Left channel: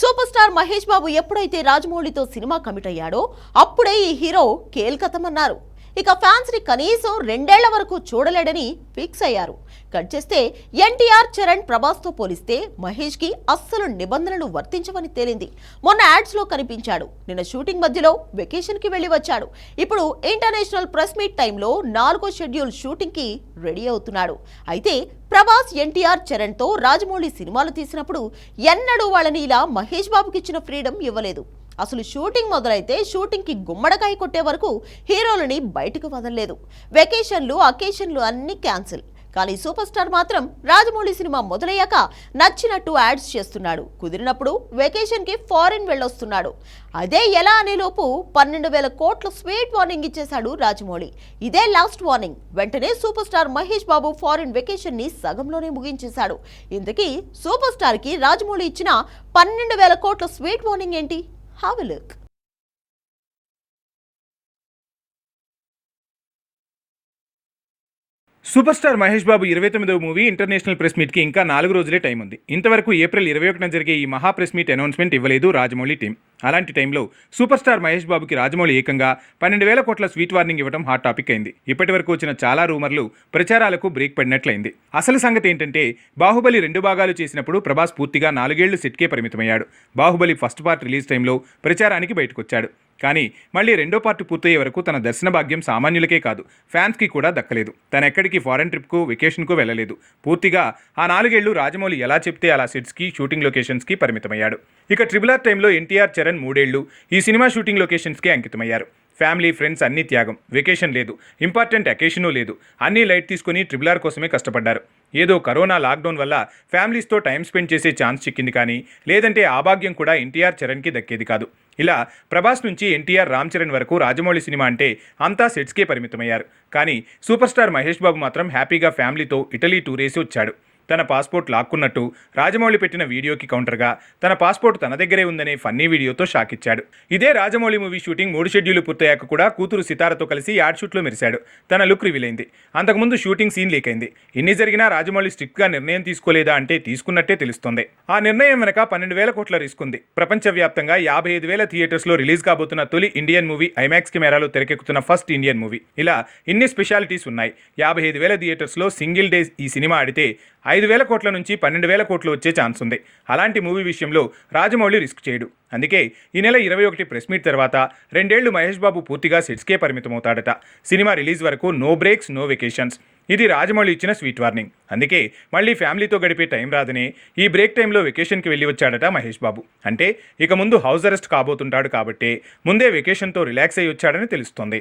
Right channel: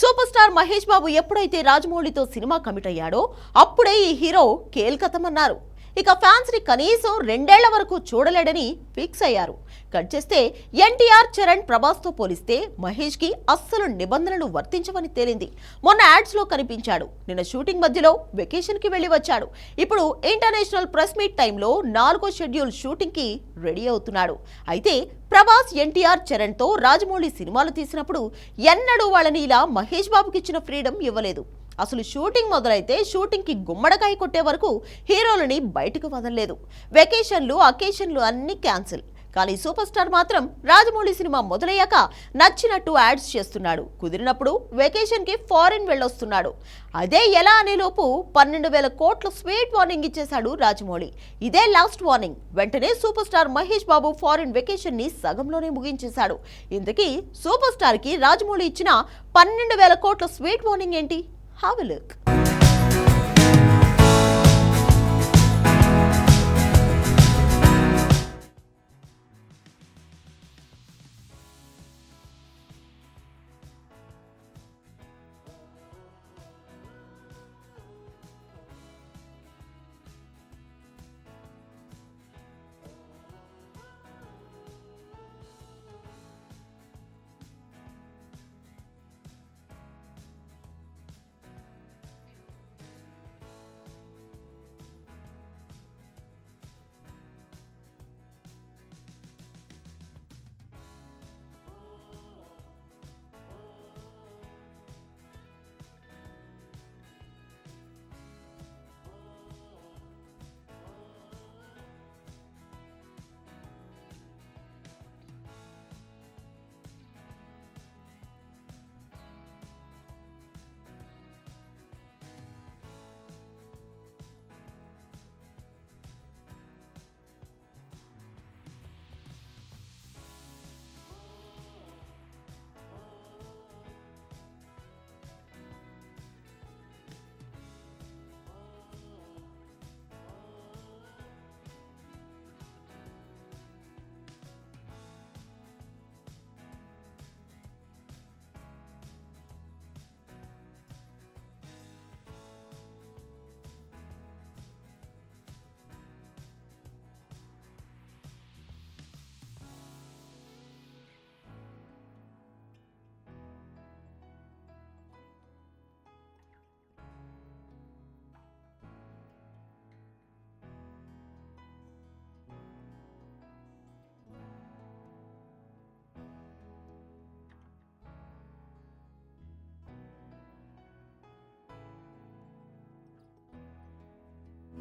Super star Mahesh బాబు ఎప్పుడైతే రాజమౌళితో cinema commit అయ్యాడో అప్పుడే ఈ హీరో కేల్కతమన్నారు. ఇక ఫ్యాన్స్ని కనీసం రెండేళ్ళ వరకు చూడలేడని ఫిక్స్ అయ్యారు. కట్ చేస్తే ఎన్టీఆర్ చరణ్ ప్రభాస్తో పోలిస్తే మహేష్కి అస్సలు నిబంధనలు వర్తించవని తేలింది. మొన్న యాడ్స్లో కనిపించాడు. నిన్న షూటింగ్ మధ్యలో వెకేషన్కి వెళ్ళి వచ్చాడు. ఇప్పుడు ఇంటర్నేషనల్ ప్రెస్ మీట్ టైంలో నాలుగో షెడ్యూల్ షూటింగ్కి రెడీ అవుతున్నాడు. అయితే ప్రభాస్ ఎన్టీఆర్ చరణ్తో రాజమౌళి సినిమాలు తీసినప్పుడు ఎన్నడూ వాళ్ళని ఇలా మహేష్ బాబుకి ఇచ్చిన ఫ్రీడమ్ ఇవ్వలేదు. అసలు షూటింగ్ మొదలైతే షూటింగ్కి గుమ్మడకాయ కొట్టే వరకు హీరోలని బయటకు వదలలేదు. వెకేషన్లు అకేషన్లు అన్ని క్యాన్సిల్. కానీ సూపర్ స్టార్ మాత్రం రాజమౌళి సినిమా మొదలయ్యాక నచ్చినట్టు యాడ్స్ చేస్తున్నాడు. కుదిరినప్పుడు వెకేషన్కి ఫారిన్ వెళ్ళొస్తున్నాడు. అదే ఎలా అనే లోపు పన్నెండు వేల కోట్ల స్వీట్ వార్నింగ్ ఇచ్చేశాడు రాజమౌళి. ఇదే లాస్ట్ వార్నింగ్. వెంటనే super star Mahesh Babu foreign వెకేషన్ని సగంలోనే ముగించేశాడు. ఇంతకీ సూపర్ స్టార్కి రాజమౌళి ఇచ్చిన పన్నెండు వేల కోట్ల స్వీట్ వార్నింగ్ ఏంటి? Have a look. Super star Mahesh Babu ఇరవై తొమ్మిదవ మూవీ ఇంటర్నేషనల్ ప్రెస్ మీట్కి ఇంకా నాలుగు రోజులే టైం ఉంది. ఇంతవరకు ఏప్రిల్ ఇరవై ఒకటిన జరిగే ఈ మహా ప్రెస్ మీట్ అనౌన్స్మెంట్ ఇవ్వలేదు రాజమౌళి టీం అలాంటి టైంలో సూపర్ స్టార్ మహేష్ బాబుకి రాజమౌళి ఏకంగా పన్నెండు వేల కోట్ల స్వీట్ వార్నింగ్ ఇవ్వడం హాట్ టాపిక్ అయింది. ఇప్పటి వరకు వచ్చిన చాలా రూమర్లు ప్రచారాలకు బ్రేక్ పడినట్లయింది. అసలు సంగతి ఏంటంటే బాహుబలి రెండు భాగాలు చేసినప్పుడు ప్రభాస్ పూర్తిగా నాలుగేళ్ళు సెట్కే పరిమితమయ్యాడు. బాహుబలి ఫస్ట్ పార్ట్ రిలీజ్ టైంలో ప్రచారానికి బయటకొచ్చాడు. కానీ మళ్ళీ రెండో పార్ట్ పూర్తయ్యే వరకు తన దర్శన భాగ్యం సామాన్యులకే కాదు ఫ్యాన్స్కి కూడా దక్కలేదు. తన ఎక్కడికి ఫారెన్ ట్రిప్కు వెకేషన్కు వెళ్ళలేదు. పూర్తిగా ఆ నాలుగేళ్ళు రాజమౌళి ఎలా చెప్తే అలా సెట్స్కి షూటింగ్ లొకేషన్స్కి పరిమితమయ్యాడు. ఇక ట్రిబుల్ ఆర్ టైంలో ఎన్టీఆర్ చరణ్ మూడేళ్ళు ఈ సినిమా షూటింగ్ లొకేషన్స్కి అంకితమయ్యారు. ఫ్యామిలీ ఫ్రెండ్స్ అన్ని త్యాగం. వెకేషన్ లేదు. ఇంపార్టెంట్ అకేషను లేదు. అన్నీ లైట్ తీసుకుని ట్రిబుల్ ఆర్ కోసమే కష్టపడ్డారు. ఏదో కరోనా లాక్డౌన్ వల్ల ఫ్యామిలీస్తో టైం స్పెండ్ చేసే ఛాన్స్ చిక్కింది కానీ లేదంటే ఆ భాగ్యం కూడా ఎన్టీఆర్ చరణ్కి దక్కేది కాదు. ఇలా ప్రభాస్ నుంచి ఎన్టీఆర్ రామ్ చరణ్ వరకు రాజమౌళి సినిమా అంటే అంతా సెట్స్కే పరిమితమయ్యారు. కానీ సూపర్ స్టార్ మహేష్ బాబు మాత్రం హ్యాపీగా ఫ్యామిలీతో ఇటలీ టూరేసి వచ్చాడు. తన పాస్పోర్ట్ లాక్కున్నట్టు రాజమౌళి పెట్టిన వీడియోకి కౌంటర్గా తన పాస్పోర్ట్ తన దగ్గరే ఉందనే ఫన్నీ వీడియోతో షాక్ ఇచ్చాడు ఇదే రాజమౌళి మూవీ షూటింగ్ మూడు షెడ్యూల్ పూర్తయ్యాక కూడా కూతురు సితారతో కలిసి యాడ్ షూట్లో మెరిశాడు. తన లుక్ రివీల్ అయింది. అంతకుముందు షూటింగ్ సీన్ లీక్ అయింది. ఇన్ని జరిగినా రాజమౌళి స్ట్రిక్ట్గా నిర్ణయం తీసుకోలేదా అంటే తీసుకున్నట్టే తెలుస్తోంది. ఆ నిర్ణయం వెనక పన్నెండు వేల కోట్ల రిస్క్ ఉంది. ప్రపంచవ్యాప్తంగా యాభై ఐదు వేల థియేటర్స్లో రిలీజ్ కాబోతున్న తొలి ఇండియన్ మూవీ ఐమాక్స్ కెమెరాలో తెరకెక్కుతున్న ఫస్ట్ ఇండియన్ మూవీ. ఇలా ఇన్ని స్పెషాలిటీస్ ఉన్నాయి? యాభై ఐదు వేల థియేటర్స్లో సింగిల్ డేస్ ఈ సినిమా ఆడితే ఐదు వేల కోట్ల నుంచి పన్నెండు వేల కోట్లు వచ్చే ఛాన్స్ ఉంది. అలాంటి మూవీ విషయంలో రాజమౌళి రిస్క్ చేయడు. అందుకే ఈ నెల ఇరవై ఒకటి ప్రెస్ మీట్ తర్వాత రెండేళ్ళు మహేష్ బాబు పూర్తిగా సెట్స్కే పరిమితమవుతాడట. సినిమా రిలీజ్ వరకు నో బ్రేక్స్ నో వెకేషన్స్. ఇది రాజమౌళి ఇచ్చిన స్వీట్ వార్నింగ్. అందుకే మళ్ళీ ఫ్యామిలీతో గడిపే టైం రాదని ఈ బ్రేక్ టైంలో వెకేషన్కి వెళ్ళి వచ్చాడట మహేష్ బాబు. అంటే ఇక ముందు హౌస్ అరెస్ట్ కాబోతుంటాడు కాబట్టి ముందే వెకేషన్తో రిలాక్స్ అయ్యి వచ్చాడని తెలుస్తోంది.